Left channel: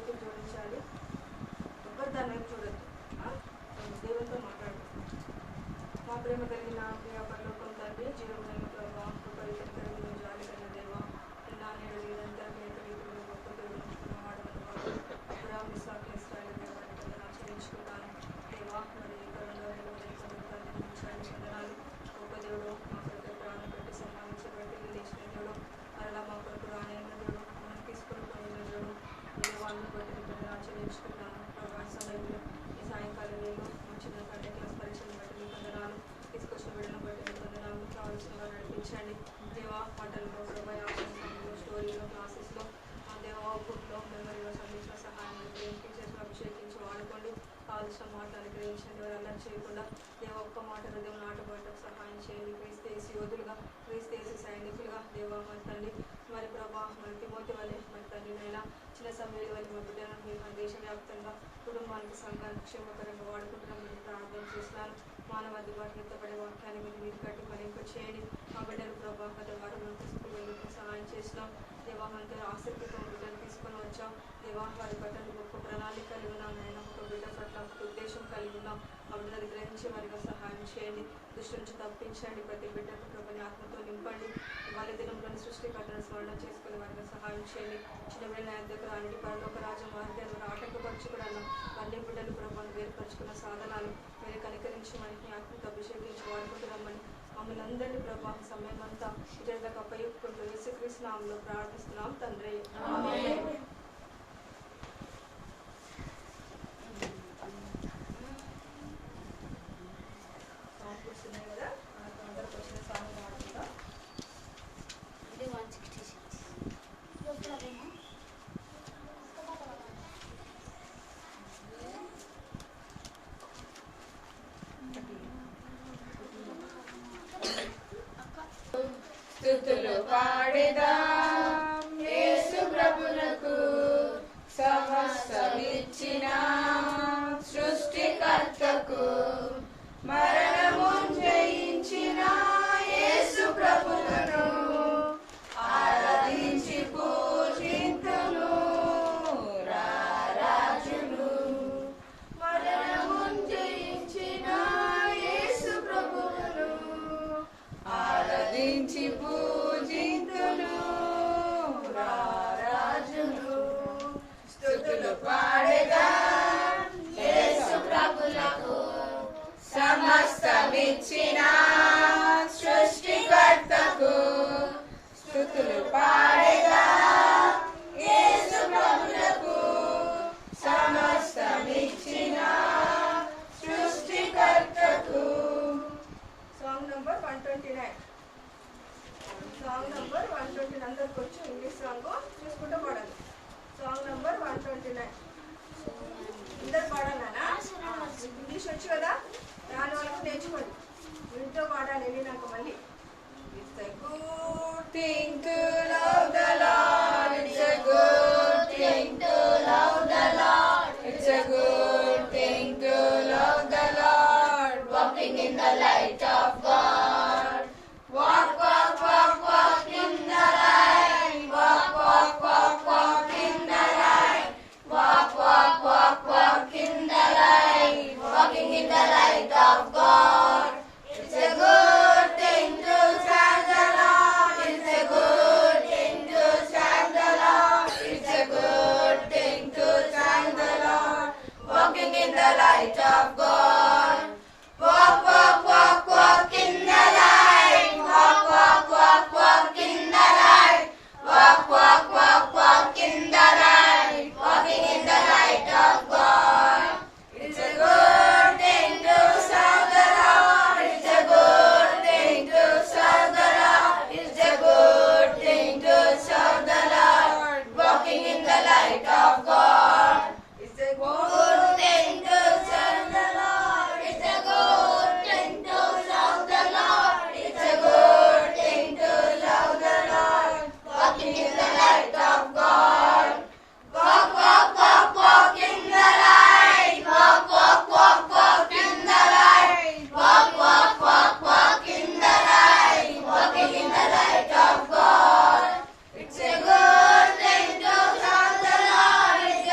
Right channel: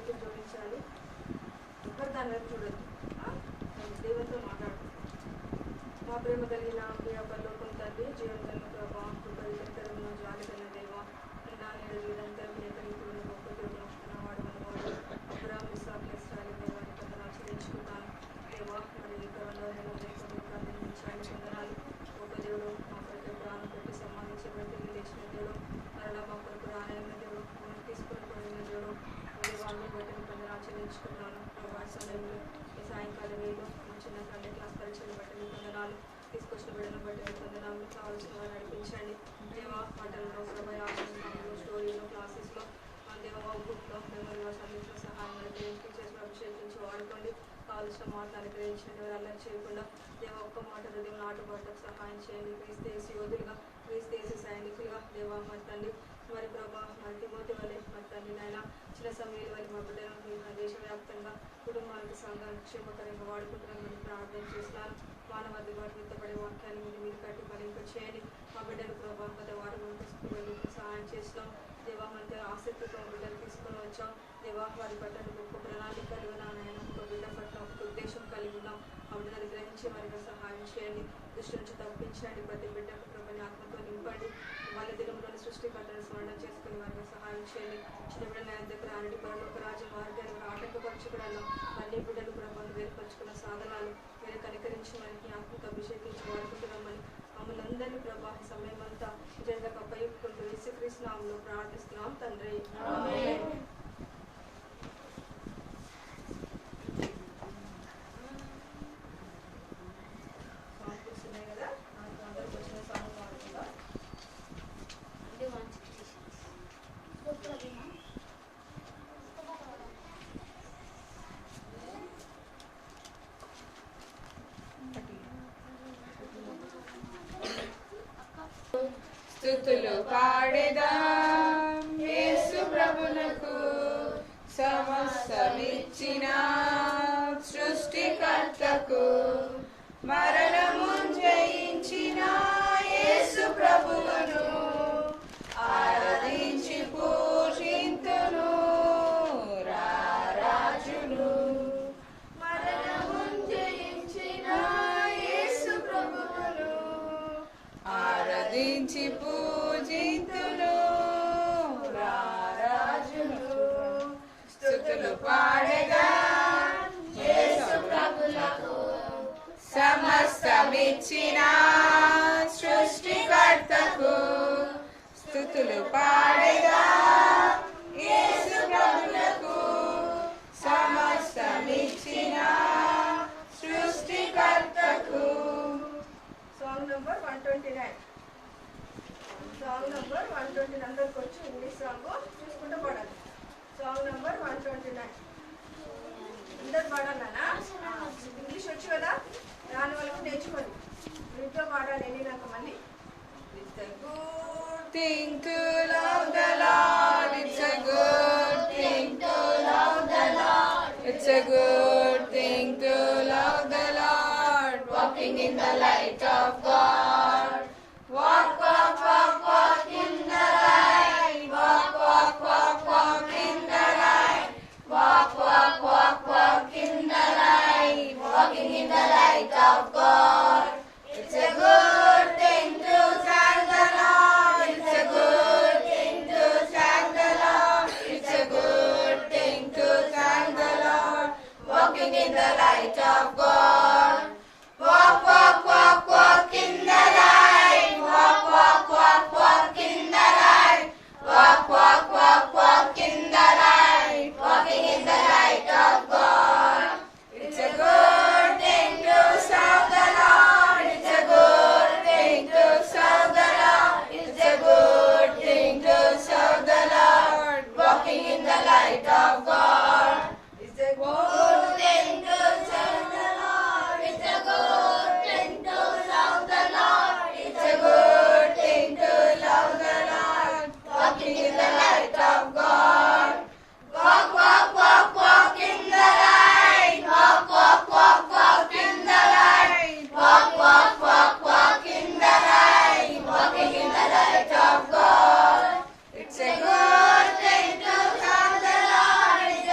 చేతులు జోడించాలి. ఎవరు దాని వైపు చూడద్దు. దేవునితో మాట్లాడు. మా ప్రేమ కలిగిన ప్రియ పరలోకం తండ్రి, జీవం కలిగిన ప్రభావ, కృపరికరమును జాలి కలిగిన దేవ, నా నేడు నిరంతరం ఏకరీతులను గొప్ప దేవుడు వాడు వాడు అబ్రాహాము ఇస్సాకు ఇశ్రాయేలు దేవాన్ని కొందరు ఆచరించుకుంటాను. దేవా మరి కరోనా నిర్మించడానికి కొందనాలు. గొప్ప దేవుడు మా కొరకు ప్రాణం పెట్టి సన్మానించబడి తిరిగి లేచిన దేవుడు, మరలా మా కొరకు రానైన దేవుడు, మనం తీసుకుని పోయిన దేవుడు, దేవాన్ని బట్టి కొందరు ఆచరించుకున్నాను. ప్రభావ సమయంలో ఈ సాయంకాలం వేలో చిన్న సండే క్లాస్ పరీక్షను బట్టి మీ కొందనాలు, తీసుకొచ్చిన బిడ్డను బట్టి మీ కొందనాలు, కావాల్సిన వారు నడిపించండి. దేవా వంటలలో ప్రభావ ఆచరణలో స్టోరీలో క్లాసెస్లో దేవా బుక్లో మెమరీలో సందేశంలో సహాయం టీచర్స్ అభిషేకించి వాడుకోండి. కావాల్సిన మాటలు అనుగ్రహించండి. ఎవరు అల్లరి చేయకుండా దేవ ఒక్క మాట హృదయం నాటుబాటుకు సహాయం చేయండి. క్రీస్తు యోధులుగా, క్రీస్తు సైనికులుగా దేవా మరి తండ్రి, మరి ప్రభా మరి తిమోతి వల్లే మరి తండ్రి నైనా చిన్న సమయాల వల్ల మా బిడ్డను మీ దేశవ్యాప్తంగా కుటుంబానికి సంఘానికి క్షేమకరంగా వాడుకుంటున్నామని ప్రార్థన చేస్తున్నాను. మానవ అందుబాటులో పడే వాక్యాన్ని మీరు కట్టి మరింప చేయండి. మా బిడ్డలు ప్రభా గత వారం అంతా వెళ్ళి సహాయం చేసినాం. దేవా మనతో ఆసక్తితో బిడ్డలు తీసుకొని వచ్చాం. దేవా వారి పట్ల గొప్ప ప్రణాళిక కలిగి ఉన్నాం. నేను ఒక బిడ్డ పట్ల ఒక ఉద్దేశం కలిగి ఉన్నాం. ఆ బిడ్డను గ్రహించి మరిగా సహాయం చేయండి. దృష్టి నుంచి తప్పించండి. ప్రతి బిడ్డకు ప్రభుని ఆత్మతో నింపండి. వాళ్ళ దినంలోని సృష్టికర్తను స్మరణ చేసుకుని వారిగా సహాయం చేయండి. చిన్న బిడ్డల నా దగ్గర ఆల్రెడీ పరలోక రాజ్యం వారిని వారు ఆటంకపరచుకున్నాను. అన్ని బిడ్డలు ప్రభుని వేరుపరుచుకున్న సాధనాలు మీరు కనికరించి మనకి ఆత్మకు అభిషేకించి వాడుకుంటున్నామని మమ్మల్ని అందరినీ ప్రభా సమయం అంతా విజయకు అప్పయ్యుకుంటూ యేసుక్రీస్తు నామములో ప్రార్థిస్తున్నాం తండ్రి. ఆమేన్. సాంగ్ కూర్చున్నాయి కదా, అందరికి వచ్చిన సాంగ్ పాడుతుందా? అంటే 166 స్తుతులు పాడెదాం యేసు ప్రభునకు, సమస్తమిచ్చిన సృష్టికర్తకు, మరణము జయించిన యేసు ప్రభువును ఆరాధించి పూజింతును రారాజులు. మరణము జయించిన యేసు ప్రభువును ఆరాధించి పూజింతును రారాజులు. స్తుతులు పాడెదా యేసు ప్రభులకు, సమస్తమిచ్చిన సృష్టికర్తకు, స్తుతులు పాడెదా యేసు ప్రభులకు, సమస్తమిచ్చిన సృష్టికర్తకు. Song number 129. సాంగ్ నంబర్ 129 అందరికి వచ్చి ఇంగ్లీష్ సాంగ్ చూసుకుంటూ పాడాలి. సాంగ్ నంబర్ 129 అందరు పాడాలనా? ఇంగ్లీష్ వచ్చు కదా, రాని వాళ్ళకు నేర్చుకోండి. వీటితో పాడాలి. వెళ్ళినాక మళ్ళీ It's a good thing to love the Lord. It's a good thing to love the Lord. It's a good thing to love the Lord. Walking in the light of God. Walk, walk, walk, walk in the light. Walk, walk, walk, walk in the light. Walk, walk, walk, walk in the light. Walking in the light of God. It's a good thing to serve the Lord. It's a good thing to serve the Lord. It's a good thing to serve the Lord. Walking in the light of God. Walk, walk, walk, walk in the light. Walk, walk, walk, walk in the light. Walk, walk, walk, walk in the light. Walking in the light of God. It's a good thing to serve the Lord. It's a good thing to serve the Lord. It's a good thing to serve the Lord. Walking in the light of God. It's a Good thing to serve the Lord. It's a good thing to love the Lord. It's a good thing to love the Lord. Walking in the light of God. Walk, walk, walk, walk in the light. Walk, walk, walk, walk in the light. Walk, walk, walk, walk in the light. Walking in the light of God. It's a good thing to serve the Lord. It's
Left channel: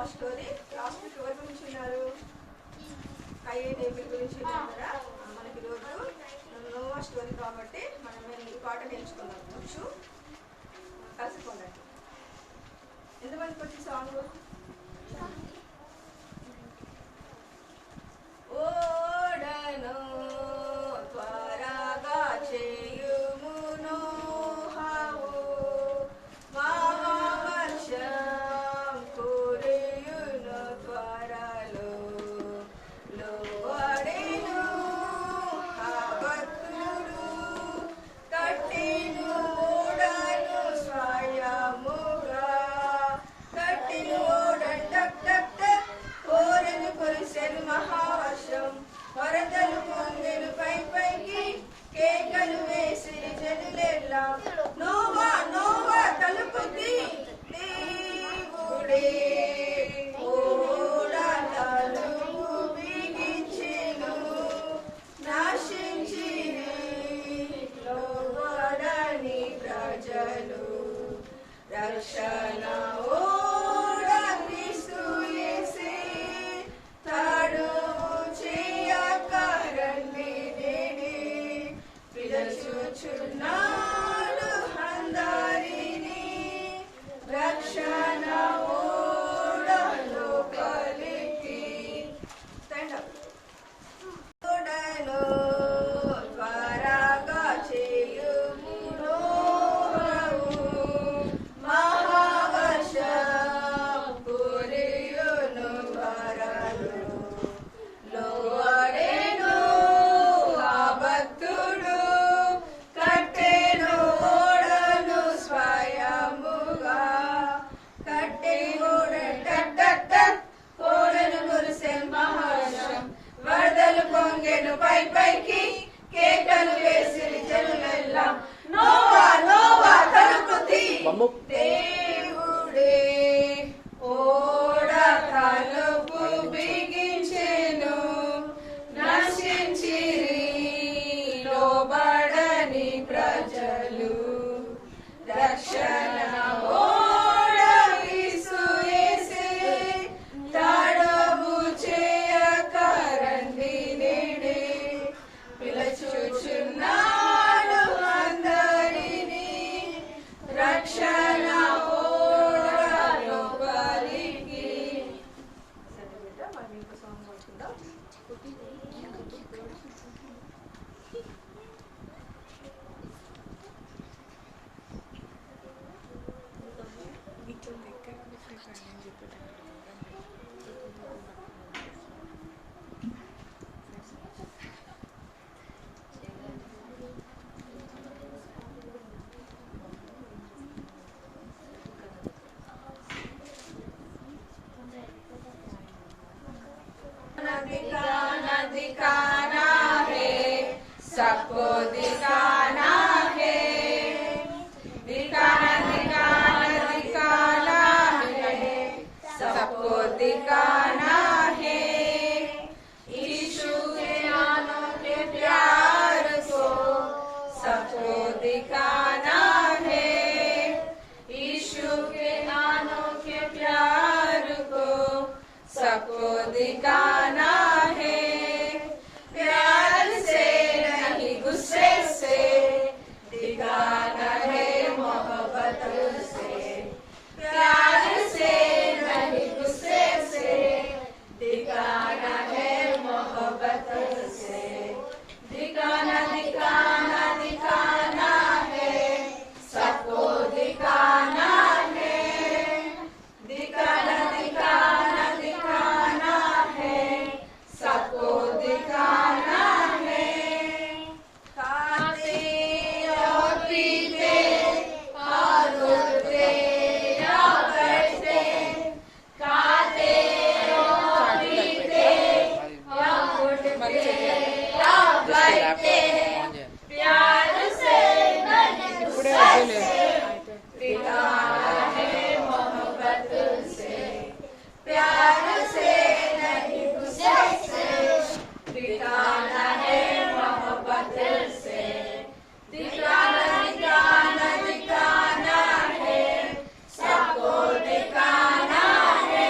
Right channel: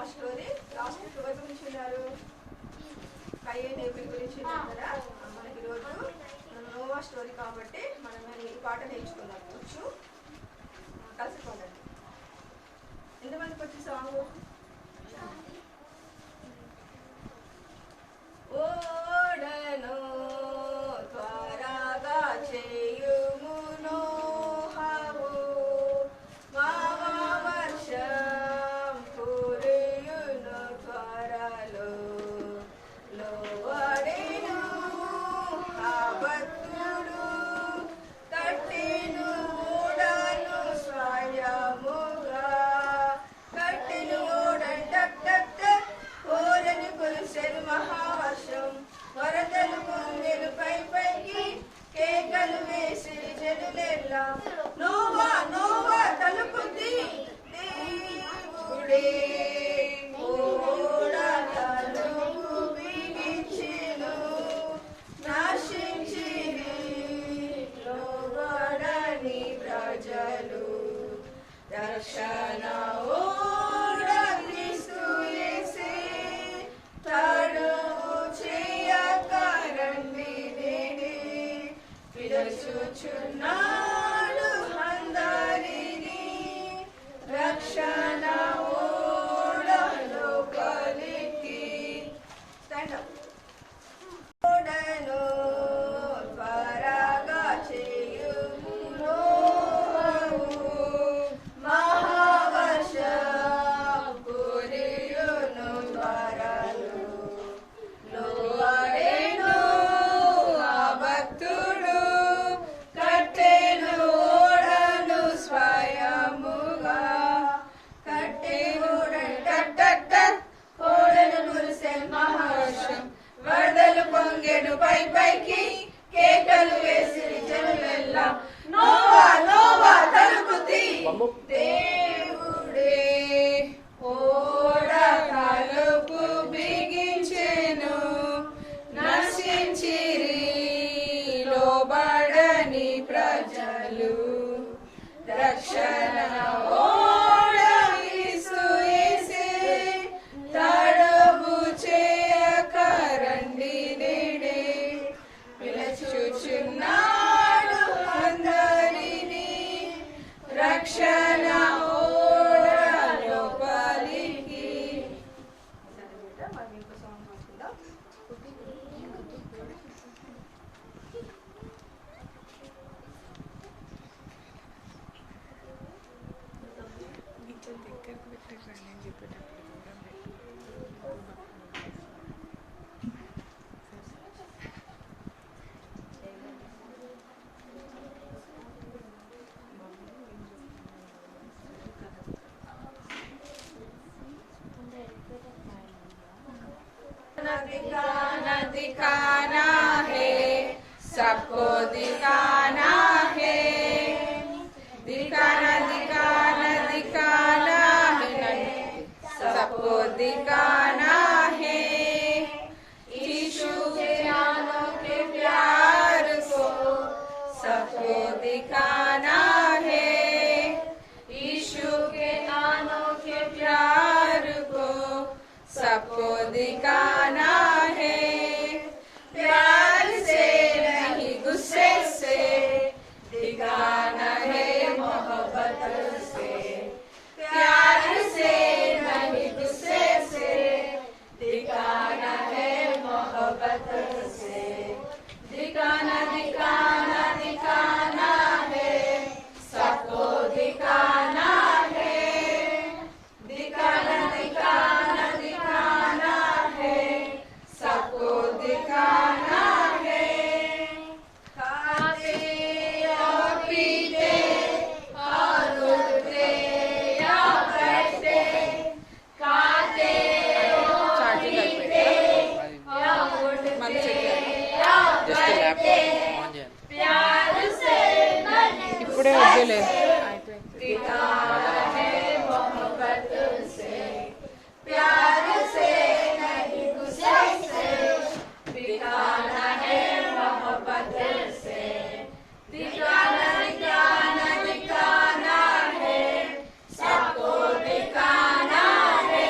Noah story. Last week ఎవరి గురించి ఉన్నారు? కయ్యన్ హేబెల్ గురించి ఉన్నారు కదా. మనకి ఈరోజు Noah story కాబట్టి మనం ఈ పాట నేర్చుకుందాం. వచ్చు కలిసిపోండి. ఎంతమందికి వచ్చి సాంగ్? ఓడను త్వరగా చేయుము నోహవు, వర్షం కురియును త్వరలో, లోబడెను ఆ భక్తుడు, కట్టెను ఓడను స్వయముగా, కట్టెను ఓడను టక్ టక్ టక్, ఓడను కురిసెను మహావర్షం, వరదలు పొంగెను పై పైకి, కేకలు వేసి జనులెల్లా, నోవా నోవా తలుపుది దేవుడే, ఓడ తలుపు బిగించెను, నాశించిరి లోబడని ప్రజలు, రక్షణ ఓడ క్రీస్తు యేసే, తడువు చేయక రండి నేడే, పిలుచుచున్నాడు అందరినీ, రక్షణ ఓడలో కలిగి. Stand up. ఓడను త్వరగా చేయుము నోహవు, మహావర్షం కురియును త్వరలో, లోబడెను ఆ భక్తుడు, కట్టెను ఓడను స్వయముగా, కట్టె ఓడను టక్ టక్ టక్, ఓడను కురిసెను మహావర్షం, వరదలు పొంగెను పై పైకి, కేకలు వేసిరి జనులెల్లా, నోవా నోవా తలుపు తీ దేవుడే, ఓడ తలుపు బిగించెను, నశించిరి లోబడని ప్రజలు, రక్షణ ఓడ క్రీస్తు యేసే, తడువు చేయక రండి నేడే, పిలుచుచున్నాడు అందరినీ, రక్షణ ఓడలో కలిగి. మనం ఇంకో సాంగ్ పాడుకుందాం. दिखाना दिखाना है, सबको दिखाना है, दिखाना दिखाना दिखाना है, सबको दिखाना है, यीशु के अनोखे प्यार को सबको दिखाना है, यीशु के अनोखे प्यार को सबको दिखाना है, प्यार से नहीं गुस्से से दिखाना है, मोहब्बत से, प्यार से नहीं गुस्से से दिखाना है, मोहब्बत से, दिखाना दिखाना दिखाना है, सबको दिखाना है, दिखाना दिखाना दिखाना है, सबको दिखाना है, खाते और पीते और उठते या बैठते, खाते और पीते या उठते या बैठते, प्यार से नहीं गुस्से से दिखाना है, मोहब्बत से, प्यार से नहीं गुस्से से दिखाना है, मोहब्बत से, दिखाना दिखाना दिखाना है, सबको दिखाना है,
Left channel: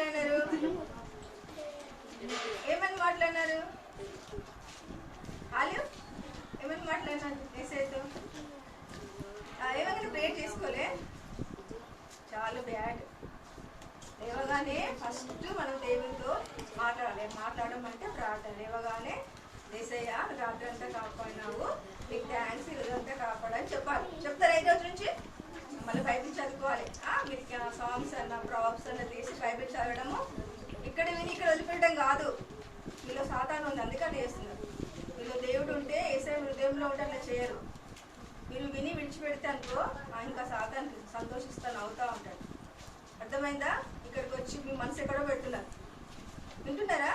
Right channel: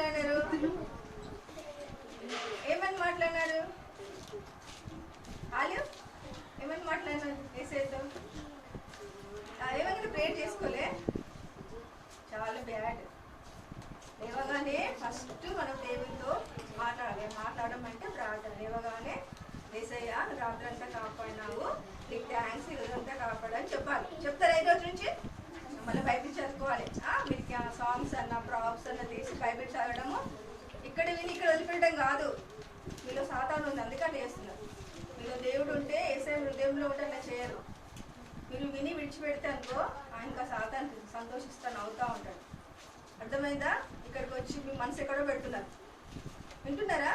మాట్లాడినారు? ఏమని మాట్లాడినారు? ఆలివ్ ఏమని మాట్లాడినారు? ఏసైతో ఏమైనా ప్రేయర్ చేసుకోలే? చాలా బ్యాడ్. లేవగానే ఫస్ట్ మనం దేవునితో మాట్లాడాలి. మాట్లాడడం అంటే ప్రార్థన. లేవగానే యేసయ్యా రాత్రి అంతా కాపాడినావు, నీకు థ్యాంక్స్, ఈరోజు అంతా కాపాడని చెప్పాలి. చెప్తారా ఈ రోజు నుంచి? మళ్ళీ బైబిల్ చదువుకోవాలి. మీరు సాంగ్స్ అన్న ప్రాబ్స్ అన్న తీసి బైబిల్ చదవడము ఇక్కడ విని ఇక్కడ వదిలిపెట్టడం కాదు. మీలో సాతాను ఉంది, అందుకే అట్లా చేస్తున్నారు. మీలో దేవుడు ఉంటే యేసయ్య హృదయంలో ఉంటే అట్లా చేయరు. మీరు విని విడిచిపెడితే అనుకో ఇంకా సాతాను సంతోషిస్తాను అవుతా ఉంటాడు. అర్థమైందా? ఇక్కడికి వచ్చి మీ మనసు ఎక్కడో పెడుతున్నారు. వింటున్నారా?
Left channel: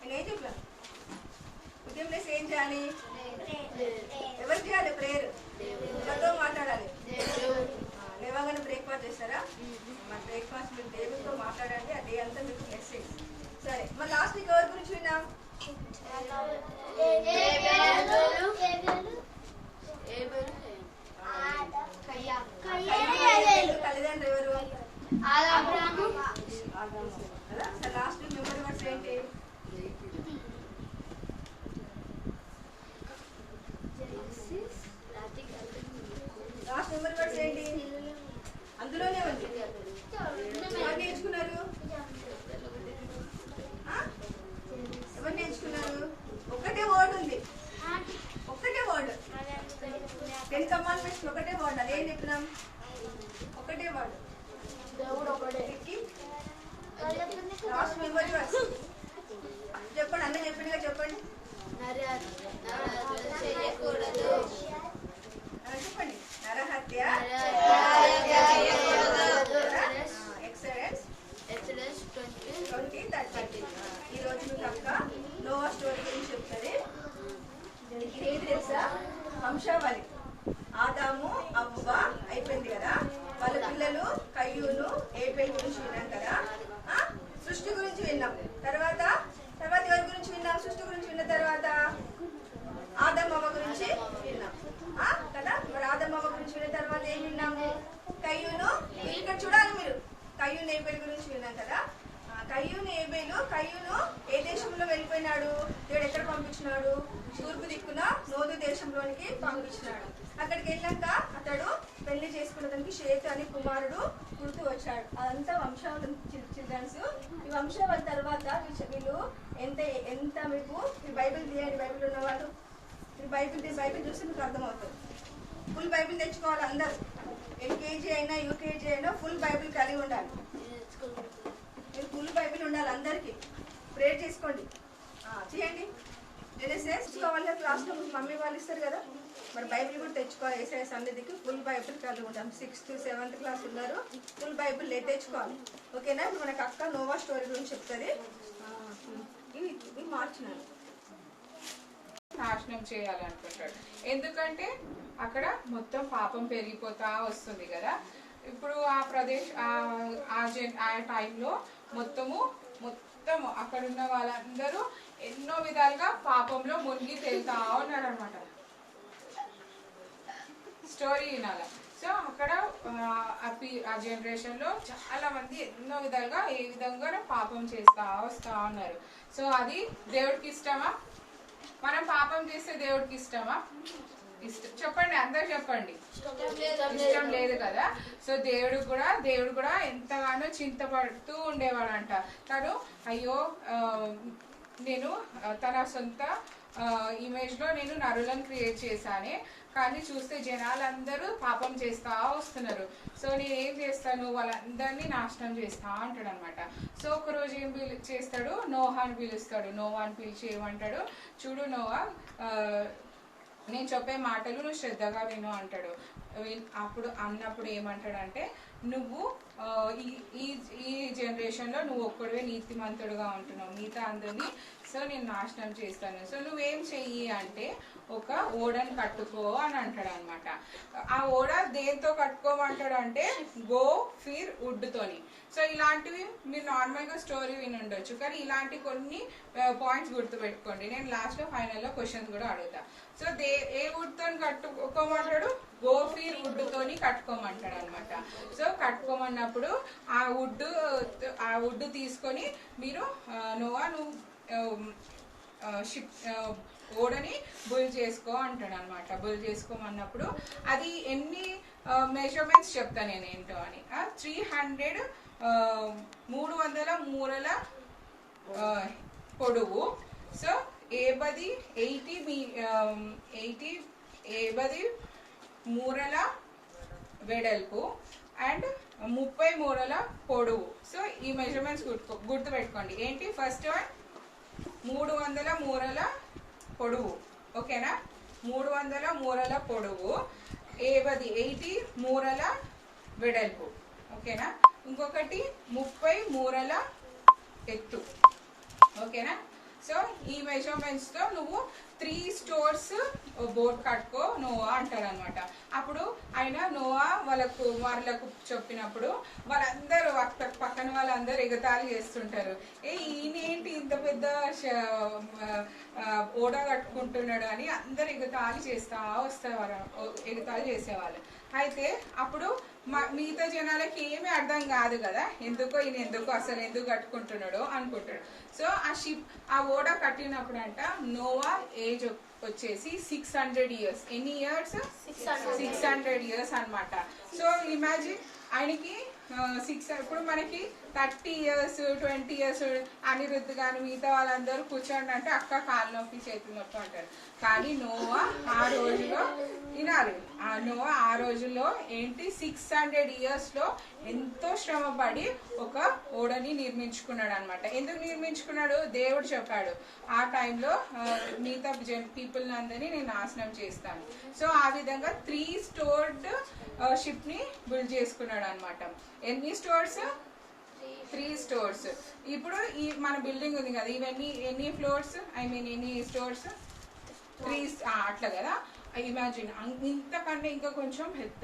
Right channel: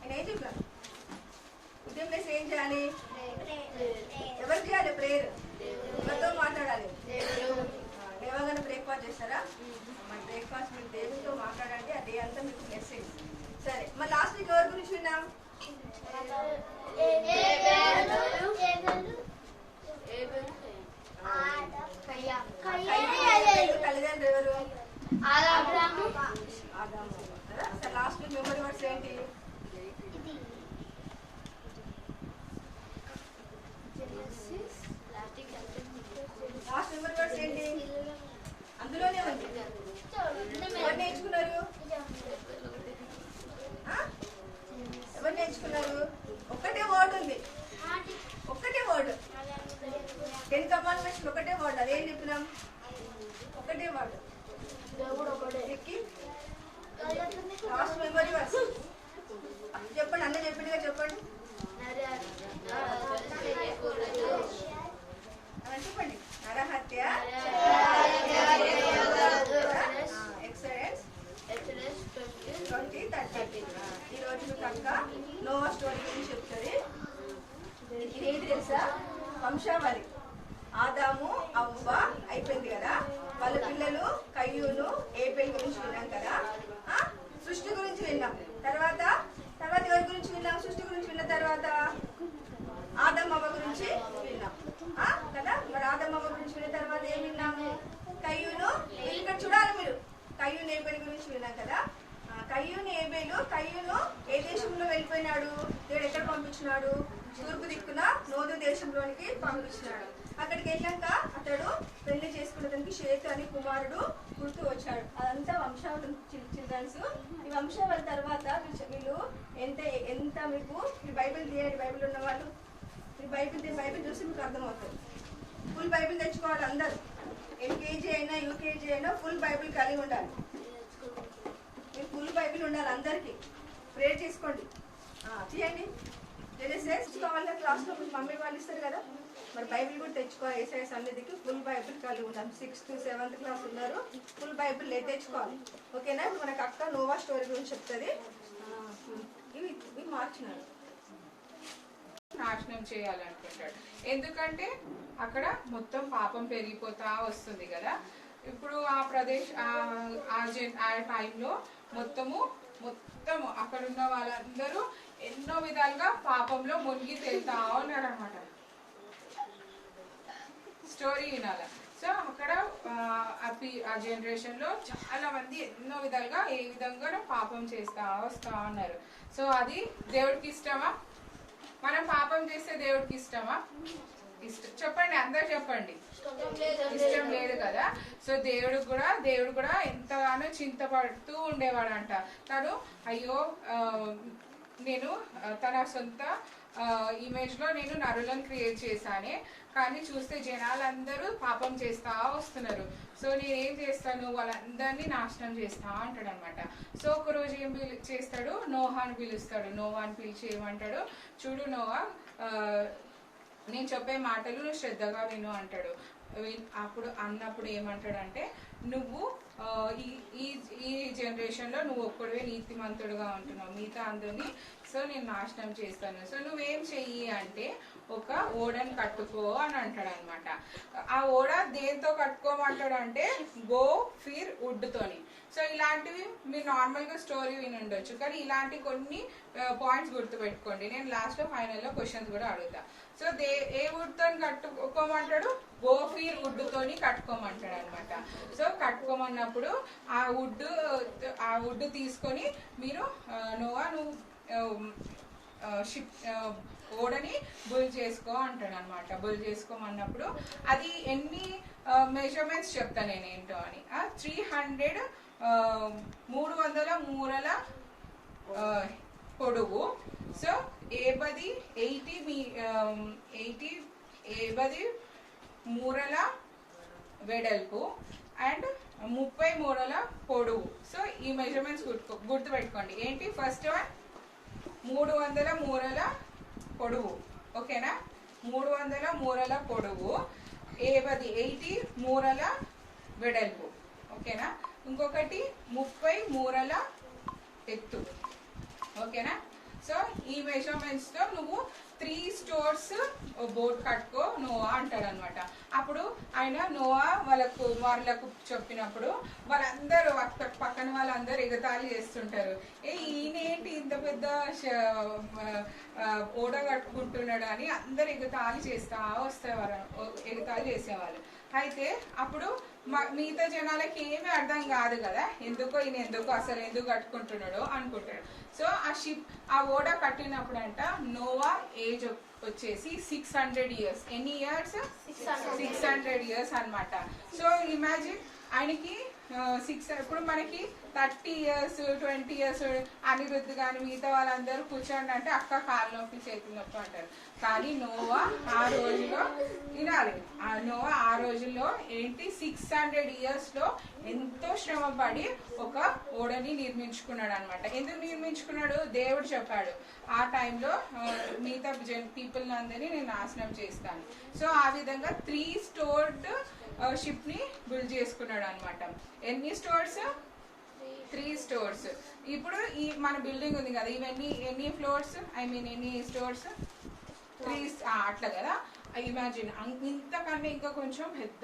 నేను ఏం చెప్పాను? ఉదయం లేసి ఏం చేయాలి? ఎవరు చేయాలి ప్రేయర్? ఎవరితో మాట్లాడాలి? లేవగానే బ్రేక్ఫాస్ట్ చేస్తారా? మరి బ్రేక్ఫాస్ట్ మీరు దేవునితో మాట్లాడండి. ఆ డే అంతా మీకు మెసేజ్. సరే, మరి లాస్ట్ వీక్ ఎవరి గురించి విన్నాం? తల్లిదండ్రులు ఎవరు? లాస్ట్ వీక్ మెమరీ వర్డ్స్ ఏంటి? లాస్ట్ మెమరీ వర్డ్స్ ఏంటి? అందులోనే ఉంది. ఎవరు నేర్చుకున్నారు? ఎవరు నేర్చుకున్నారు? ఒకటే వర్డ్ ఉంది, ఒక్కటే వర్డ్. 10 కమాండ్మెంట్స్ ఒకటే వర్డ్. అదేం చెప్పినాం? ఒకటే వర్డ్. లాస్ట్ మెమరీ వర్డ్స్ చెప్పండి. అన్న చెప్పండిగా చెప్పండి. చెప్పండి. నరహత్య, ఎక్సలెన్స్ 20:30. ఈ రోజు మీకు అక్క నోవా స్టోరీ గురించి చెప్తుంది. ఇదేంటి తెలుసా? వంశావళి. ఆదాము అవ్వ అయిపోయింది కదా, వాళ్ళ పిల్లలు కయ్యూను ఏబేల్ గురించి విన్నాం కదా. సృష్టి గురించి విన్నాం. తర్వాత ఎవరి గురించి విన్నాం? సృష్టి గురించి విన్న తర్వాత ఆదాము అవ్వ గురించి విన్నాం కదా. మరి ఆదాము అవ్వ గురించి విన్న తర్వాత ఏం విన్నాము? కయ్యూను, ఇక్కడ చూడాలి మీరు, కయ్యూను ఏబేల్ గురించి విన్నాం కదా. కయ్యూను ఏబేలు, కయ్యూను ఏ దేశంలో వెళ్ళిపోయినాడు? దేవుడు ఎక్కడ పంపించినాడు? తూర్పు దిక్కున నోదు దేశంలోనికి పంపించినాడు. అక్కడికి వెళ్ళాక అతడు పెళ్లి చేసుకున్నదానికి షేతు అని కుమారుడు పుడుతూ వచ్చాడు. అదంతా వంశావళి చిల్డ్రన్స్. ఈ వంశావళి తర్వాత వీళ్ళు ఎంత మీకు ఈ బైబిల్ తీయండి. బైబిల్ ఉన్నవాళ్ళు ఈ బైబిల్ చూస్తే మీకు అర్థమవుతుంది. ఫుల్ బైబిల్ తెచ్చుకోవాలి అందరూ. ఎల్కేజీ అయినా యూకేజీ అయినా ఫుల్ బైబిల్ కలిగి ఉండాలి. మీరు ఫుల్ బైబిల్ ఉండాలి అందరికి. ప్రే చేసుకోండి, చేయండి. జెనసిస్ కావాలి క్లాస్లో మమ్మీ వాళ్ళు ఇస్తారు కదా, మరి బైబిల్ కూడా తెచ్చుకోవాలి. యేసయ్య సన్నిధికి ఫుల్ బైబిల్ కలిగి ఉంటాను. 6th 7th క్లాస్ ఉన్నారు, ఫుల్ బైబిల్ తెచ్చుకోవాలి. ఓకేనా? ఇప్పుడు మనకు అక్క నోవా స్టోరీ గురించి చెప్తుంది. ఇవి మార్చినారు. నాశనం చేయాలనుకుంటాడు. ఎందుకంటే అక్కడ మొత్తం పాపం పెరిగిపోతా వస్తుంది కదా. ఇప్పుడు ఆ టైంలో మొత్తం అక్కడ ఉన్న వాళ్ళందరూ ఎన్నో విధాలుగా పాపంలో మునిగి తేలుతా ఉన్నారు అనమాట. స్టోరీ వినాల. సో అక్కడ ఆ జనరేషన్ లో చాలా మంది ఎన్నో విధాలుగా ఏ విధంగా పాపం చేస్తా వస్తా ఉన్నారు. సో అది దేవుడికి ఇష్టమా? మనం పాపం చేస్తే దేవుడికి ఇష్టమా? చెప్పండి, అందరు చెప్పండి. ఇష్టం లేదు కదా. సో దేవుడు కూడా ఎంతగానో చింతపడుతూ ఉండేవాడంట. తను అయ్యో నేను తన సొంత ఇమేజ్ లో నేను నరులను క్రియేట్ చేశానే, కానీ చూస్తే జనాలందరూ పాపం చేస్తా వస్తున్నారు. సో నేనేం చేస్తాను, వాళ్ళందరినీ నాశనం చేస్తా అంటాడు అనమాట. సో ఒకరోజు ఏం చేస్తాడు, నోహాని పిలుస్తాడు. నోవాని పిలిచి ఏమంటాడు, చూడు నోవా, నేను చెప్పే మాటలు నువ్వు శ్రద్ధగా విను అంటాడు. అన్నప్పుడు ఏమంటాడంటే, నువ్వు ఈ జనరేషన్ లో నువ్వు ఒక్కడివే నీతిమంతుడుగా ఉంటున్నావు, మిగతా అందరినీ సో నేను నాశనం చేస్తాను. సో నువ్వేం చెయ్యి అంటే ఒక ఓడని కట్టుకో అని అంటాడు అనమాట. ఆ ఓడ దేంతో కట్టుకోమంటాడు అంటే గో ఫిర్ వుడ్ తోని. సో ఇలాంటివి మీరు నార్మల్ గా స్టోరీ విని ఉండొచ్చు, కానీ ఇలాంటి కొన్ని పాయింట్స్ గుర్తుపెట్టుకోండి. నేను లాస్ట్ లో ఫైనల్ లో క్వశ్చన్స్ కూడా అడుగుతా. సో ఏ వుడ్ తోని కట్టుకోమంటాడు? గో ఫిర్ వుడ్ తోని కట్టుకోమంటాడు అనమాట. సో కట్టుకోమన్నప్పుడు ఆ వుడ్ తీసుకొని మీరు నోవా నువ్వు షిప్ ఓడని బుల్ చేసుకో అంటాడు అనమాట. బుల్ చేసుకోమన్నప్పుడు అది ఎన్ని మెజర్మెంట్స్ చెప్తా నేను ఏంటో అని. 300 మూరల పొడుగు. సో 80 మూరల వెడల్పు అండ్ 30 మూరల పొడవు. సో ఈ మెజర్మెంట్స్ గుర్తుపెట్టుకోండి. ఏంటి? ఫస్ట్ వన్ 300 మూరల పొడవు, ఓకేనా? 300 మూరల పొడవు, 80 మూరల వెడల్పు, ఓకేనా? ఇంకొకటి 30 మూరల ఎత్తు, ఓకేనా? సో ఈ మెజర్మెంట్స్ తో నువ్వు 3 స్టోర్స్ బోట్ కట్టుకో నోవా అంటారు అనమాట. అప్పుడు ఆయన నోవా వాళ్ళకు చెప్పినప్పుడు వాళ్ళందరూ పక్కన వాళ్ళందరూ ఎగతాళి చేస్తుంటారు. ఈయనేంటి ఇంత పెద్ద ఓడ కట్టుకుంటున్నాడు అని అందరు ఎగతాళి చేసేవాళ్ళు. అయితే అప్పుడు మిగతా జనాలకి ఏమీ అర్థం కాదు కదా, ఈయన ఎందుకు కట్టుకుంటున్నాడో అనుకుంటాడు. సో ఆ ఓడ కట్టినప్పుడు అంట నోవా ఏజ్ వచ్చేసి 600 years. ఎన్ని ఇయర్స్? 600 years అన్నమాట. సో ఇమాజిన్ ఆయనకి ఇప్పుడు మనకి 30 years 20 years అనిరుద్ధ్ కానీ మిగతా వాళ్ళందరూ కూర్చోండి అంటే అక్క కాళ్ళ నొప్పి చేతులు నొప్పి అంటారు. కానీ నోవా ఆ రోజులో వినాలి, నోవా ఆ రోజుల్లో ఏంటి 600 years లో ఎంతో శ్రమపడి ఒక ఓడని నిర్మించుకున్నాడు అనమాట. ఎందుకు నిర్మించుకున్నాడు? దేవుడు చెప్పాడు ఆ టైంలో మిగతా పీపుల్ అందరినీ నేను నాశనం చేస్తాను. సో ఆ విధంగా 3 స్టోర్డ్ షిప్ ని బిల్డ్ చేసుకున్నాడు అనమాట. ఎన్ని స్టోర్స్? 3 స్టోర్స్. ఇప్పుడు ఈ మన బిల్డింగ్ ఉంది కదా, ఇవన్నీ ఎన్ని ఫ్లోర్స్? ఎన్ని స్టోర్స్? 3 అట్లా కదా. ఇమాజిన్ ఇంతకంటే ఇంకా కొంచెం పెద్ద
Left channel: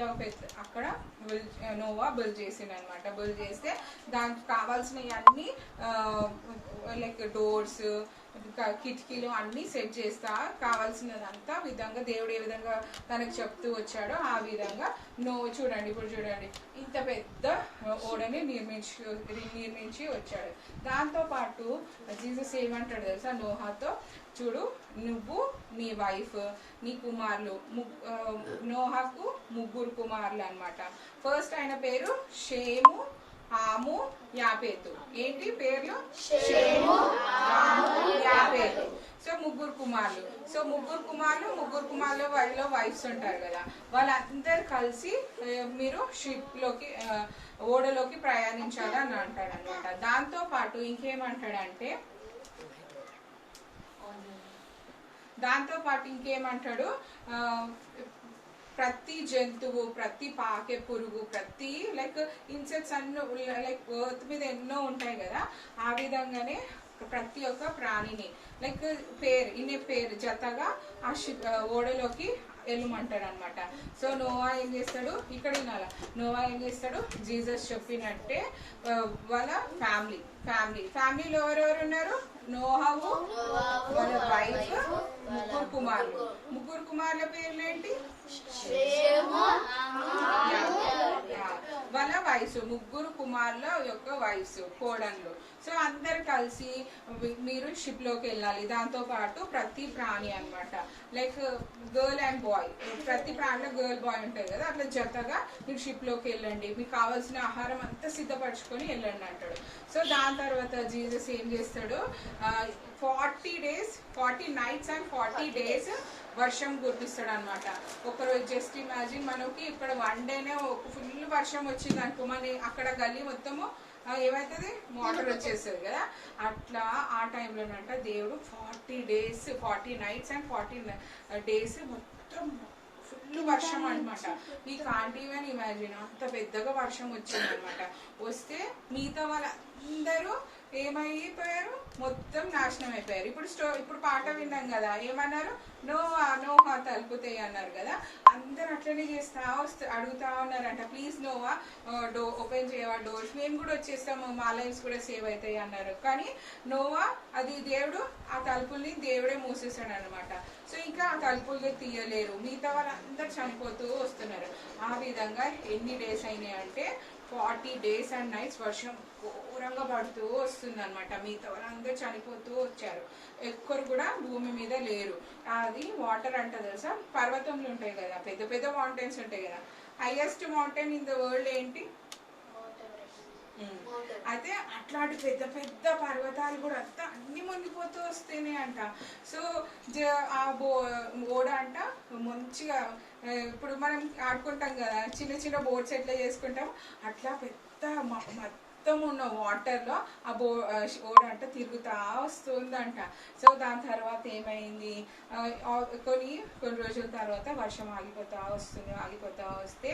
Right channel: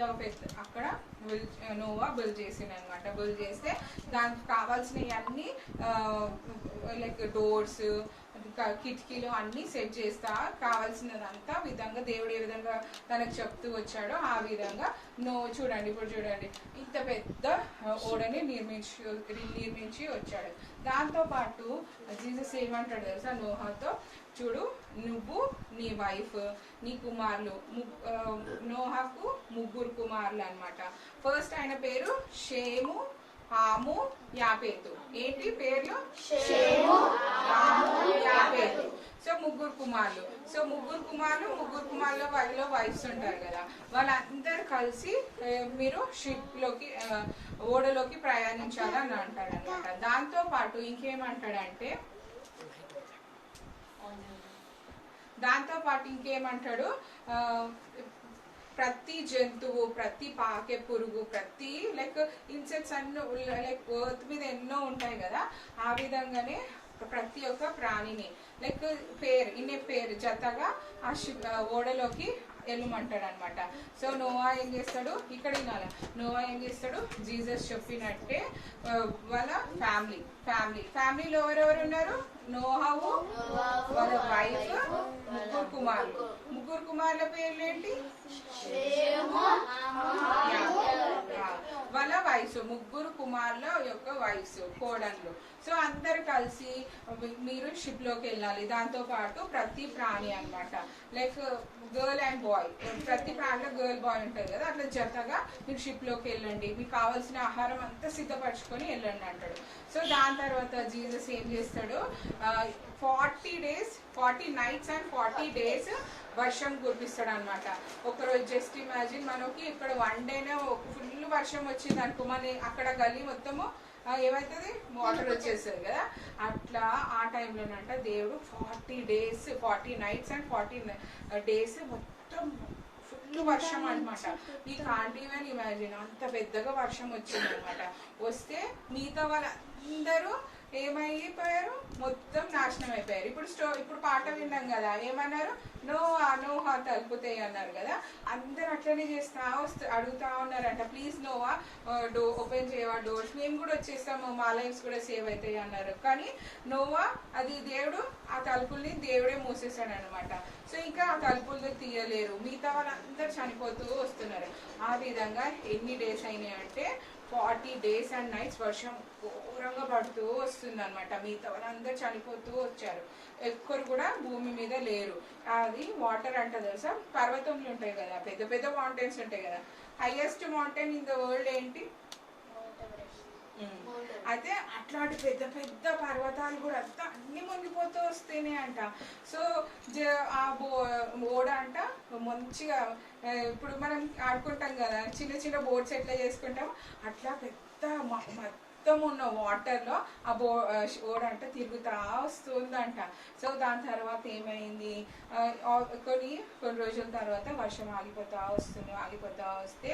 అక్కడ నోవా బిల్డ్ చేసిండు అనమాట. బిల్డ్ చేస్తే దానికి కావాల్సినవి అన్ని లైక్ డోర్స్ కిటికీలు అన్ని సెట్ చేస్తా కావాల్సినదంతా విధంగా దేవుడు ఏ విధంగా తనకు చెప్తూ వచ్చాడో ఆ విధంగా చూడండి ఇంత పెద్ద ఓడని నిర్మించి వచ్చాడు. దాంతో పాటు జీసస్ ఏమంటాడు తెలుసా నోహాతో? చూడు, నువ్వు నీ వైఫ్ నీ కుమారులు, నోహాకు 3 కుమారులు అన్నమాట. ఫస్ట్ ఆయన పేరు షేము, హాము, యాపేతు. ఏంటి పేర్లు? షేము, హాము, యాపేతు. సో 3 కుమారులు. సో 3 కుమారులు వాళ్ళలో వైఫ్స్ ఉంటారు కదా, వాళ్ళందరూ కలిసి మీరు షిప్ లోకి ఓడలోకి ప్రయాణించాలని అంటాడు అనమాట. దాంతో పాటు ఇంకేమంటాడంటే ఇంకేమంటాడు? ప్రతి జంతువు, ప్రతి పాకే పురుగు, ప్రతి లైక్ ఇన్సెక్ట్స్ అన్ని లైక్ ఎర్త్ మీద ఎన్నో ఉంటాయి కదా, ఆ విధంగానే ప్రతి ఒక్క ప్రాణిని లైక్ పేరు జతగా ఆ ఓడలోకి వెళ్ళమంటాడు అనమాట. సో నోవా ఏం చేస్తాడు? ఇక్కడ వినాల. నోవా ఏం చేస్తాడు? జీసస్ చెప్పినట్టే వాళ్ళ ఫ్యామిలీలో ఎవరెవరు ఉన్నారు? నోహావు, వాళ్ళ వైఫ్, 3 కుమారులు. 3 కుమారుల పేర్లు ఏంటి? వాళ్ళ వయసు, 3 కుమారుల యొక్క వయసు, కోడన్లు. సో అందరు కలిసి మీరు షిప్ లోకి వెళ్ళాలి. దాంతో పాటు ప్రతి ప్రాణి అన్నమాట, లైక్ గర్ల్ అండ్ బాయ్, ప్రతి ప్రాణిలో గర్ల్ బాయ్ ఉంటుంది కదా, అట్లా జతగా మీరు షిప్ లోకి వెళ్ళండి, మీకు కావాల్సిన ఆహారం అంతా సిద్ధపరచుకొని వెళ్ళండి అంటాడు. సో దాని తర్వాత జీసస్ ఏం చేస్తాడు? 40 nights and 40 days వర్షం కురిపిస్తాడు అనమాట. ఒకరోజు జస్ట్ ఇమాజిన్ మనకి ఇక్కడ 1 డేనే ఫుల్ వర్షం వచ్చింది అనుకో, మన అక్కడ గల్లీ మొత్తము ఏమవుతుంది? వాటర్ వచ్చేస్తుంది కదా. అట్లా ఆ టైంలోనంట దేవుడు 40 nights and 40 days మొత్తం ఫుల్ వర్షం అనమాట. ఈ కాంట్ ఈవెన్ ఇమాజిన్ అంత పెద్దగా వర్షం వచ్చింది అనమాట. వస్తే మిగతా వాళ్ళందరూ ఏమైపోయారు, మొత్తం నాశనం అయిపోయారు. ఇప్పుడు పాట విన్నాం కదా, ఏమన్నారు, నోవా నోవా తలుపుతాయి అన్నారు కదా. అందరు అట్లనే అడుగుతా ఉన్నారంట, ప్లీజ్ నోవా ఓపెన్ చేయవా డోర్స్, మేము కూడా వచ్చేస్తాము, మా లైఫ్స్ కూడా సేవ్ అవుతాయి అన్నారు. కానీ నోవా అది దేవుడు ఆ తలుపుల్ని దేవుడే మూసేసాడు అనమాట. సో ఇంకా ఆ తలుపులు తీయలేరు, మిగతా వాళ్ళందరూ చనిపోతూ వస్తున్నారు. ఆ విధంగా ఎన్ని డేస్ అయినాయి అంటే 40 days and nights వర్షం ఘోరంగా పడుతూ వస్తుంది అనమాట. మిగతా వాళ్ళందరూ చనిపోతూ వచ్చారు, ఎక్కరు కూడా భూమి మీద లేరు. అది వాటర్ అంట తెలుసా, పర్వతంలు ఉంటాయి కదా, పెద్ద పెద్ద మౌంటైన్స్ ఉంటాయి కదా. Highest mountain in the world ఏంటి? అయితే అట్లాంటి పెద్ద పెద్ద పర్వతాలు కూడా అంతా అన్ని మునిగిపోతూ వస్తేనే అంట. సో ఆ ఓడ అంట మంచిగా, ఇప్పుడు మనం ఆడుకుంటాం కదా చిన్న చిన్న బోట్స్ ఎట్లా చేసుకుంటాం, అట్లా పెద్ద మొత్తం ఉన్న వాటర్ లో ఆ ఓడ అంట తిరుగుతా వస్తుందంట. సో దాని తర్వాత ఏమైంది, కొన్ని రోజుల తర్వాత వర్షం ఆగిపోతా వస్తే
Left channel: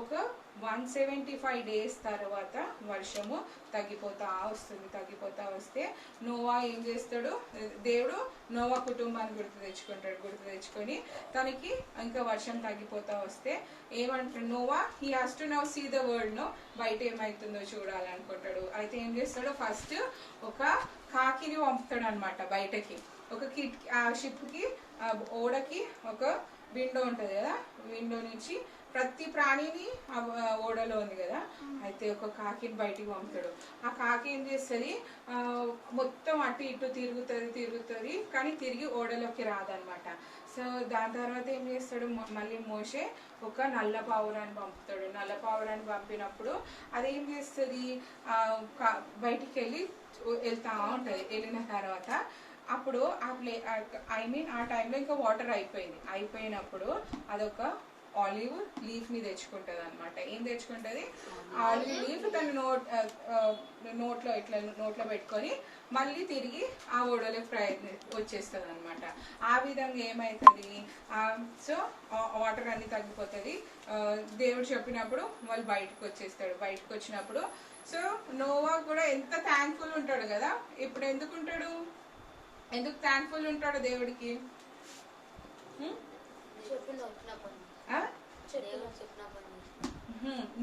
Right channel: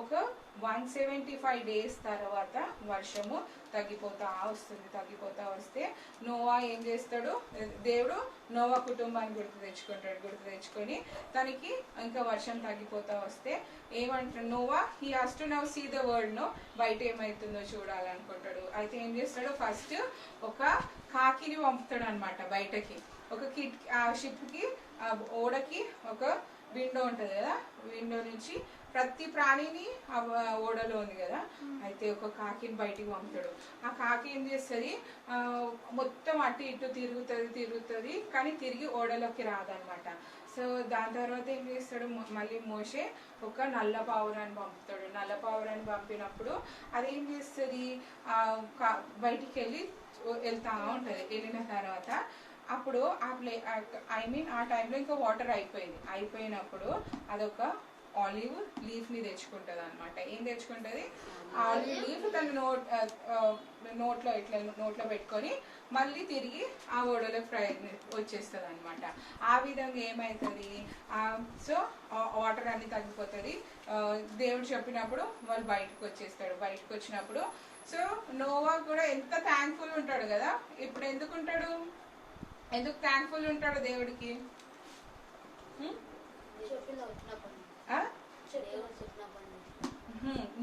ఒక 175 days తర్వాత వర్షము తగ్గిపోతా వస్తే నోవా ఏం చేస్తాడు, దేవుడు నోవా కుటుంబాన్ని గుర్తు తెచ్చుకొని తనకి ఇంకా వర్షం తగ్గిపోతా వస్తే ఏమంటాడు Noah, he has to now see the world, no బయట ఏమైతుందో చూడాలనుకుంటాడు. అయితే ఏం చేస్తాడు, ఫస్ట్ ఒక కాకిని పంపుతాడు అనమాట బయటకి. ఒక ఆ షిప్ కి ఓడకి ఒక విండో ఉంటది కదా, విండో నుంచి ప్రతి ప్రాణిని ఓడలో ఉంది కదా, అయితే ఒక కాకిని బయటికి పంపుతాడు. ఆ కాకి ఏం చేస్తుంది, మొత్తం అటు ఇటు తిరుగుతుంది కానీ తిరిగి ఓడలోకి రాదనమాట. సో దాని తర్వాత ఏం చేస్తాడు, మళ్ళీ మోషే ఒక నల్ల పావురాన్ని పంపుతాడు. నల్ల పావురాన్ని పంపినప్పుడు అదేం చేస్తుంది, బయటికి వెళ్తా ఉంటది. వెళ్ళిన తర్వాత అప్పుడు ఆ టైంలో ఇంకా వాటర్ అయిపోయినప్పుడు అదొక ఆలివ్ లీఫ్ ని తెచ్చుకుంటది అనమాట. ఏం తెచ్చుకుంటది, ఆలివ్ లీఫ్ తన నోట్లో పెట్టుకొని మళ్ళీ తిరిగి ఆ ఓడలోకి వచ్చేస్తుంది అనమాట. ఆ విధంగా ఏమైతుంది, సో వాటర్ అన్ని తగ్గిపోతుంది. దేవుడు చెప్పినప్పుడు వాళ్ళు బయటకు వచ్చినప్పుడు సో నోవా కూడా ఎంత థ్యాంక్ఫుల్ ఉంటాడు కదా. ఇప్పుడు ఎందుకు థ్యాంక్ఫుల్ ఉంటాడు దేవుడికి,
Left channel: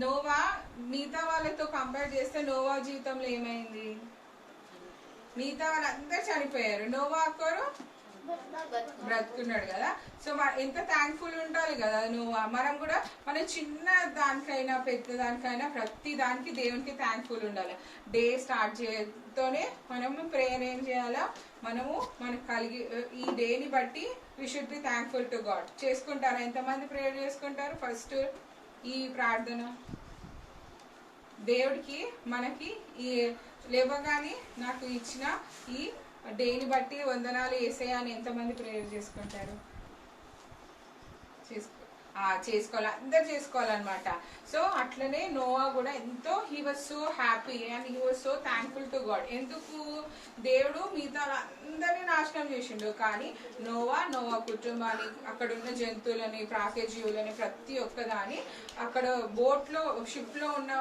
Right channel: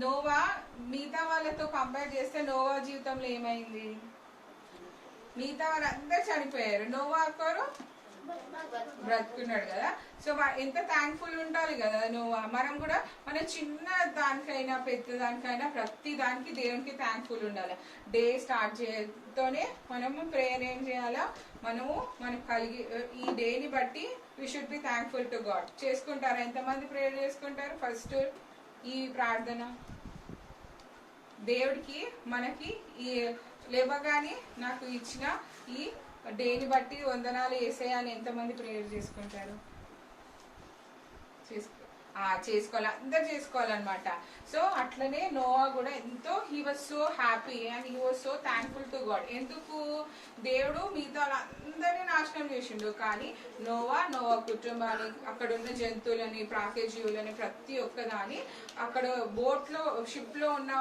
నోవా మిగతా వాళ్ళతో కంపేర్ చేస్తే నోవా జీవితంలో ఏమైంది, మిగతా వాళ్ళందరూ చనిపోయారు, నోవా ఒక్కరు బ్రతుకున్నాడు కదా. సో ఎంత థ్యాంక్ఫుల్ ఉండాలి కదా నోవా. మనం కూడా మన చిన్న దానికైనా పెద్ద దానికైనా ప్రతి దానికి దేవునికి థ్యాంక్ఫుల్ ఉండాలి. డే స్టార్ట్ చేయతోనే మనము ప్రేయర్ ఏం చేయాలో, మనకు ఈ డేని బట్టి we should be thankful to God. చేసుకుంటారా, ఎంతమంది ప్రేయర్ చేసుకుంటారు ఫస్ట్ ఈ ప్రార్థన? దేవుడికి మనకి ఈ లేవగానే నాకు ఇచ్చిన ఈ డేని బట్టి వందనాలు యేసయ్యా అని ఎంతమంది ప్రేయర్ చేసుకుంటారు? చేసుకోవాలి, అందరు చేసుకోవాలన్నమాట. సో అట్లనే నోవా కూడా ఎంతో he was so happy and he was so thankful to God. ఎందుకు, దేవుడు మిగతా అందరినీ నాశనం చేసిండు, కానీ నోవా కుటుంబాన్ని, అక్కడ ఉన్న జంతువులని, ప్రాకే జీవులని, ప్రతి ఒక్కదాన్ని అక్కడ షిప్ లో ఉన్న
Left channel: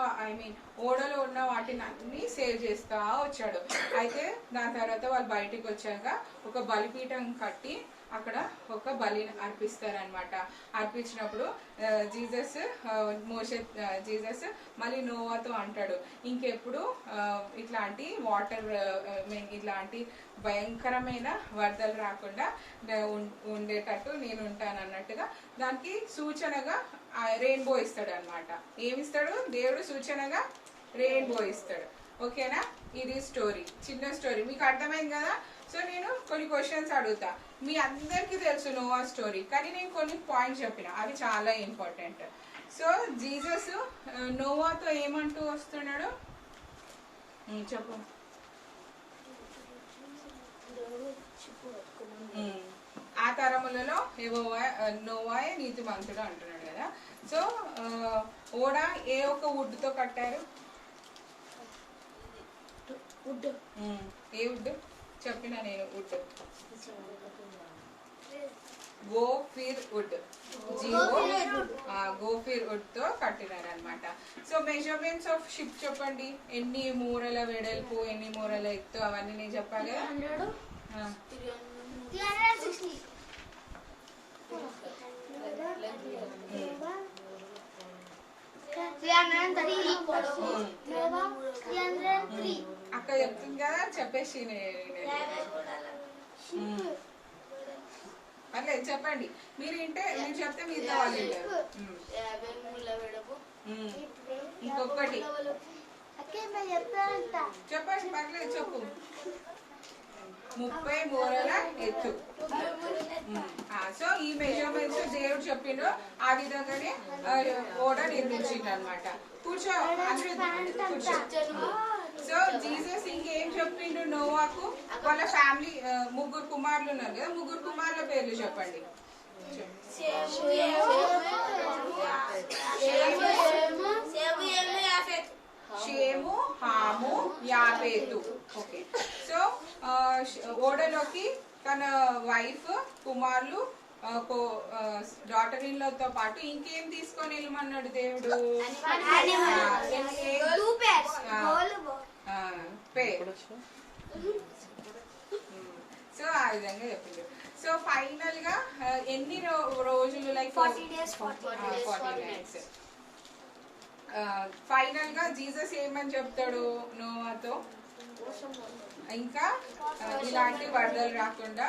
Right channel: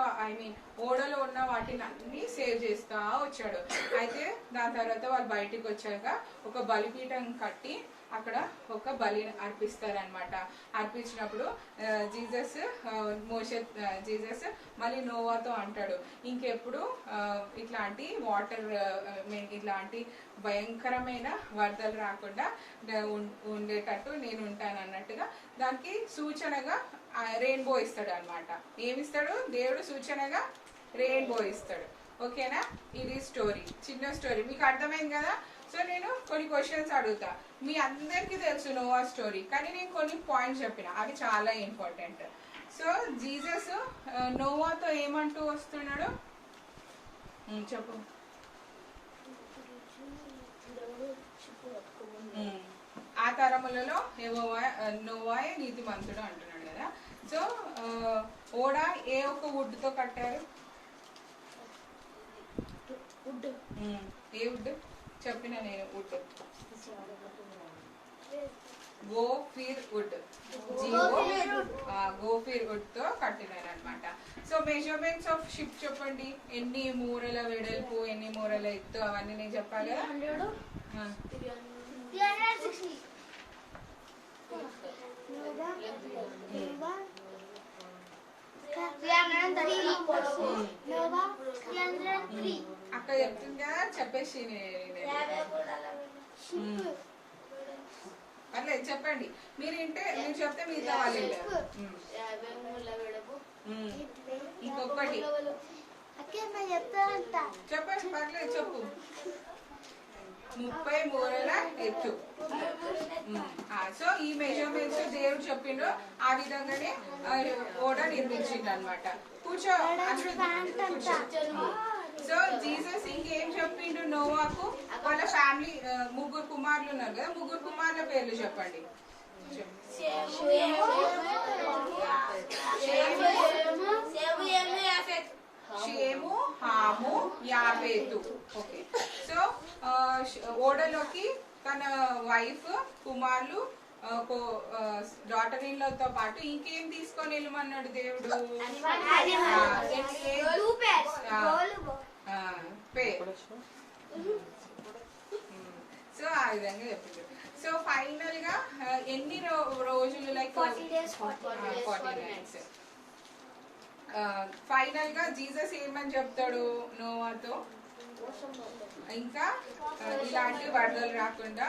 ఓడలో ఉన్న వాటిని అన్ని సేవ్ చేస్తా వచ్చాడు. అయితే దాని తర్వాత వాళ్ళు బయటికి వచ్చాక ఒక బలిపీఠం కట్టి అక్కడ ఒక బలిని అర్పిస్తారనమాట. అర్పించినప్పుడు జీసస్ మళ్ళీ నోవాతో అంటాడు, ఇంకెప్పుడు ఇట్లాంటి ఇట్లాంటి భయంకరమైన వరదలు రాకుండా ఉండేటట్టు నేను ఉంటాను అన్నట్టుగా దానికి సూచనగా రెయిన్బో ఇస్తాడు అనమాట. ఏమిస్తాడు దేవుడు? సూచనగా రెయిన్బో ఇస్తాడు. ఓకేనా, ఇది స్టోరీ, చిన్న స్టోరీ, మీకు అర్థమైంది కదా. సో నేను కొన్ని క్వశ్చన్స్ అడుగుతా, మీ అందరికీ తెలుసు నోవా స్టోరీ, కానీ నేను కొన్ని పాయింట్స్ చెప్పిన, అవి చాలా ఇంపార్టెంట్. సో జీసస్ నోవాతో ఏమంటూ వస్తున్నాడు చెప్పు. ఆ తరములలో నోవాయే నీతిమంతుడు అంటున్నాడు కదా. సో ఓడ ఏ ఒక్క వుడ్ తో కట్టారు? ఏ వుడ్ చెప్పిన నేను, వుడ్ గోఫిర్ వుడ్ గోఫిర్ వుడ్ తో కట్టినారు అనమాట. సో మెజర్మెంట్స్ ఆఫ్ షిప్ చెప్పండి. ఎన్ని మూరల వెడల్పు, ఎన్ని మూరల ఎత్తు, అవన్నీ నేను చెప్పాలి కదా. 303 అక్కడ చెప్తుంది కదా, చెప్పేసి పర్లేదు చెప్పండి. మీరు వింటే మీరు చెప్తే మిగతా వాళ్ళు వింటారు. ఇంకొకటి చెప్పండి, పర్లేదు చెప్పు. 30 మూరల ఎత్తు. సో ఈ మెజర్మెంట్స్ దేవుడు చెప్పిండు, ఆ విధంగానే ఓడ నిర్మించిండు అనమాట. కూర్చో కూర్చో. సో జీసస్ ఇంకేం చెప్పిండు నోవాకు? వాళ్ళ ఫ్యామిలీ 3 కుమారులు ఉన్నారు కదా, 3 కుమారుల పేర్లు చెప్పండి. షేము, హాము, యాపేతు. ఓకే. సో ఓడలోకి తన వైఫ్, కుమారులు, డాటర్ ఇన్ లా తో పాటు ఇంకేం తీసుకొని వెళ్ళమన్నాడు దేవుడు? సో ఆ విధంగా చెప్పిండు. సో ఫైనల్ గా ఎన్ని రోజులు, లైక్ 40 nights. ఫైనల్ గా జీసస్ ఏమని చెప్తాడు నోవాతో? ఇంకా ఇలాంటి వరదలు రాకుండా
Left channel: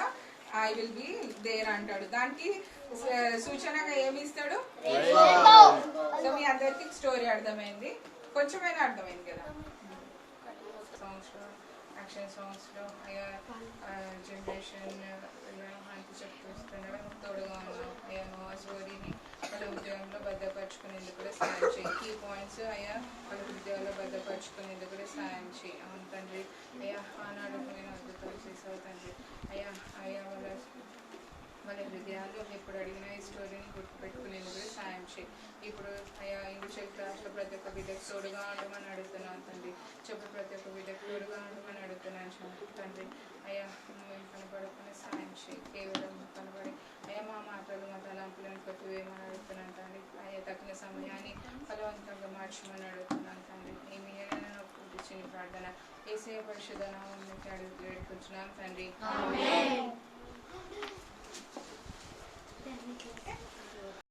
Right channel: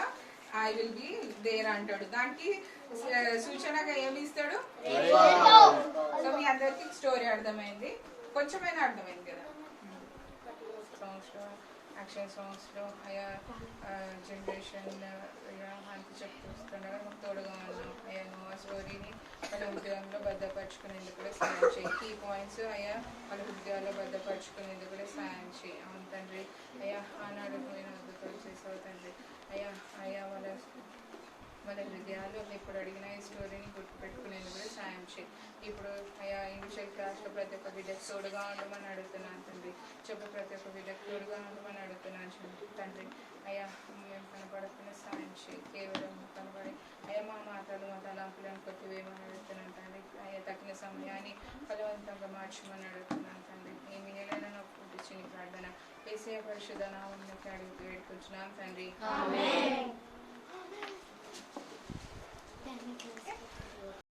ఐ విల్ బి దేర్ అంటాడు. దానికి సూచనగా ఏమి ఇస్తాడు? సో మీ అందరికి స్టోరీ అర్థమైంది, కొంచెమైనా అర్థమైంది కదా. సాంగ్స్ లో, యాక్షన్ సాంగ్స్ లో అయ్యా జనరేషన్ అయ్యా అంత చెప్తుండగా తోడుగా ఉన్నాం అయ్యా. నోవా స్టోరీని వాళ్ళ ఉద్యోగంలో భద్రపరచుకునేందుకు కూడా సాయం చేయి. కీ పాయింట్స్ అయ్యా వాళ్ళ ఉద్యోగాల్లో భద్రపరచుకునేందుకు కూడా సాయం చేయి. అవును తండ్రి. అయ్యా ఆనాడు నేను అద్భుతాలు చేసావు తండ్రి. అయ్యా అయ్యా వాళ్ళ హృదయాలు ఎప్పుడు అడిగినా ఈ స్టోరీని గుర్తుపెట్టుకునేందుకు కూడా సాయం చేయి. ఇప్పుడు అయ్యా ఇండివిజువల్ క్లాస్లో ప్రతి ఒక్క బిడ్డకు తోడుగా ఉండమని అడుగుతున్నాను తండ్రి. చెప్పి ప్రతి ఒక్క బిడ్డకు తోడుగా ఉండమని అడుగుతున్నాను తండ్రి. అయ్యా మేము కనపడకుండా సాయం చేయి. కేవలం కనపడి అయ్యా మా మాటలు, మా తలంపులను కొట్టివేయమని అడుగుతున్నాను తండ్రి. అయ్యా తగిన సమయాన్ని ఫలవంతంగా మార్చమని అడుగుతున్నాను తండ్రి. ఈ మిగిలిన నొప్పి చిన్న ప్రార్థన యేసయ్య పరిశుద్ధ నామములో అడుగుతూ వేడుకుంటున్నాను తండ్రి.